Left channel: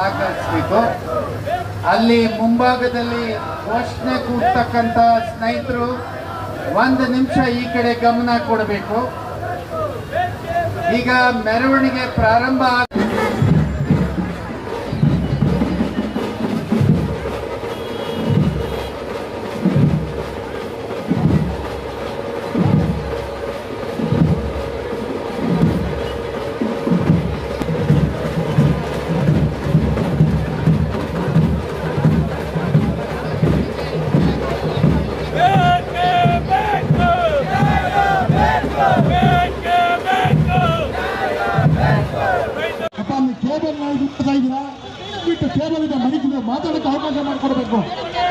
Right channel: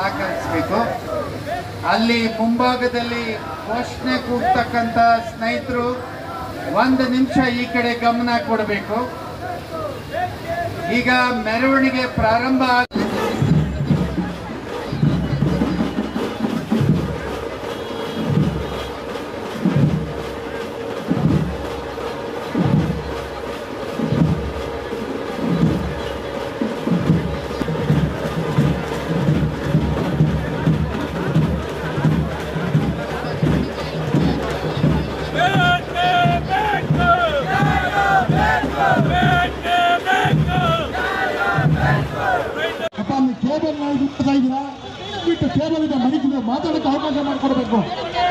ಸಹಕರಿಸಬೇಕು. ಅಲ್ಲಿ ಮುಂಭಾಗದಲ್ಲಿ ಘೋಷಣೆ ಕೂಡ್ತಕ್ಕಂಥ ಸ್ನೇಹಿತರು 1 ನಿಮಿಷ ಈ ಕಡೆ ಗಮನ ಕೊಡಬೇಕು. ಈಗ ಮೆರವಣಿಗೆ ಪ್ರಾರಂಭ ಕೇಬಲ್ ಇದೆ ಮನೆಗೆ ಮಾತಾಡಕ್ಕೆ ಅವಕಾಶ ಮಾಡಿಕೊಡ್ಬೇಕು.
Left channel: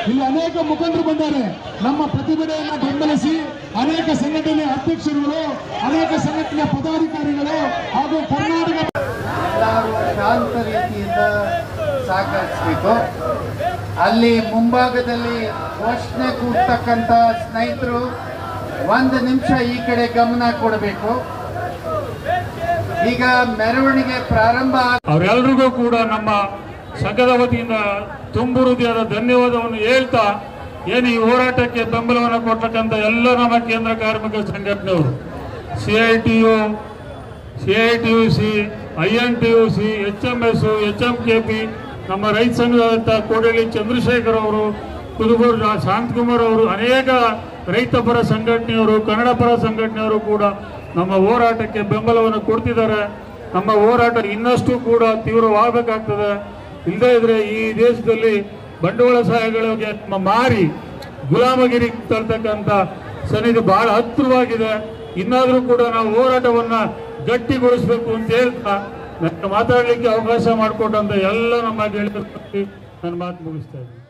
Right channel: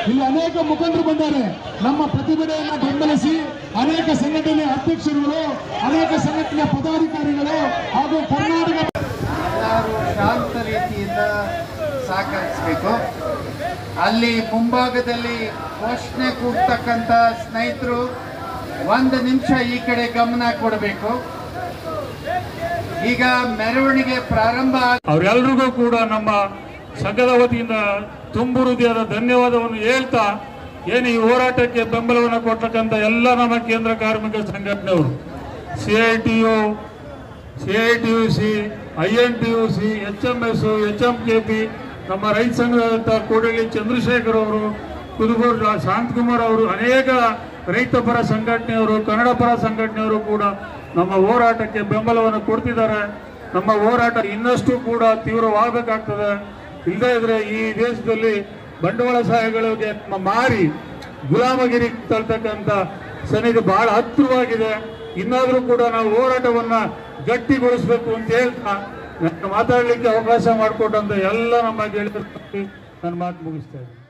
ಇಲ್ಲಿ ಅನೇಕ ಮುಖಂಡರು ಬಂದ್ದಾರೆ. ನಮ್ಮ ಪ್ರತಿಭಟನೆಯನ್ನು ಬೆಂಬಲಿಸಿ ಅನೇಕ ಸಂಘಟನೆ ಅಧ್ಯಕ್ಷರುಗಳು, ಅನೇಕ ಸಂಘಟನೆಯ ಪದಾಧಿಕಾರಿಗಳು ಹಾಗೂ ಕರ್ನಾಟಕ ಎಲ್ಲರೂ ಶಾಂತ ರೀತಿಯಿಂದ ಸಹಕರಿಸಬೇಕು. ಅಲ್ಲಿ ಮುಂಭಾಗದಲ್ಲಿ ಘೋಷಣೆ ಕೂಡ್ತಕ್ಕಂಥ ಸ್ನೇಹಿತರು 1 ನಿಮಿಷ ಈ ಕಡೆ ಗಮನ ಕೊಡಬೇಕು. ಈಗ ಮೆರವಣಿಗೆ ಪ್ರಾರಂಭ ಅವರೆಲ್ಲರಿಗೂ ಕೂಡ ನಮ್ಮ ಸಂಘದ ವತಿಯಿಂದ ತುಂಬು ಹೃದಯದ ಧನ್ಯವಾದವನ್ನು ಹೇಳ್ತಾ, ಏನು ಈ ಹೋರಾಟಕ್ಕೆ ಬೆಂಬಲವನ್ನು ಕೊಟ್ಟಕ್ಕಂಥ ಎಲ್ಲ ನಮ್ಮ ಕೇಂದ್ರ ಕಾರ್ಮಿಕ ಸಂಘಟನೆಯವರು, CITUC, INTUC, HMS, HMKP, ನಮ್ಮ ರೈತ ಸಂಘದ ಕೋಡಳ್ಳಿ ಚಂದ್ರಶೇಖರ್ ಅವರು, ಕುರುಬೂರು ಶಾಂತಕುಮಾರ್ ಅವರು, ಅನೇಕ ರೈತ ಪರ ಸಂಘಟನೆಯವರು, ಕನ್ನಡ ಪರ ಸಂಘಟನೆಯವರು ಕೂಡ ನಮ್ಮ ಹೋರಾಟಕ್ಕೆ ಬೆಂಬಲವನ್ನು ಕೊಡ್ತಿದ್ದಾರೆ. ನಮ್ಮ ಹೋರಾಟ ಇನ್ನಷ್ಟು ಕೂಡ ತೀವ್ರವಾಗಬೇಕಾಗ್ತದೆ. ಇಲ್ಲದೇ ಇದ್ರೆ ಈ ದೇಶದಲ್ಲಿ ಬಂಡವಾಳಶಾಹಿಗಳಿಗೆ ಮಾರಿ ಗುಲಾಮಗಿರಿ ತಳ್ತಕ್ಕಂಥ ಸನ್ನಿಧಿ ಬಹಳ ಹತ್ತಿರವಾಗಿದೆ. ಇನ್ನಾದರೂ ಕೂಡ ನಾವು ಹೋರಾಟವನ್ನ ಗಟ್ಟಿಗೊಳಿಸಬೇಕು ಅಂತ ಹೇಳ್ತಾ ಮಾತಾಡಲಿಕ್ಕೆ ಅವಕಾಶ ಮಾಡಿಕೊಟ್ಟಂತ ಎಲ್ಲ ನಮ್ಮ ಗೆಳೆಯರಿಗೆ ನಾನು ಮಾತು ಮುಗಿಸ್ತಾ ಇದ್ದೀನಿ.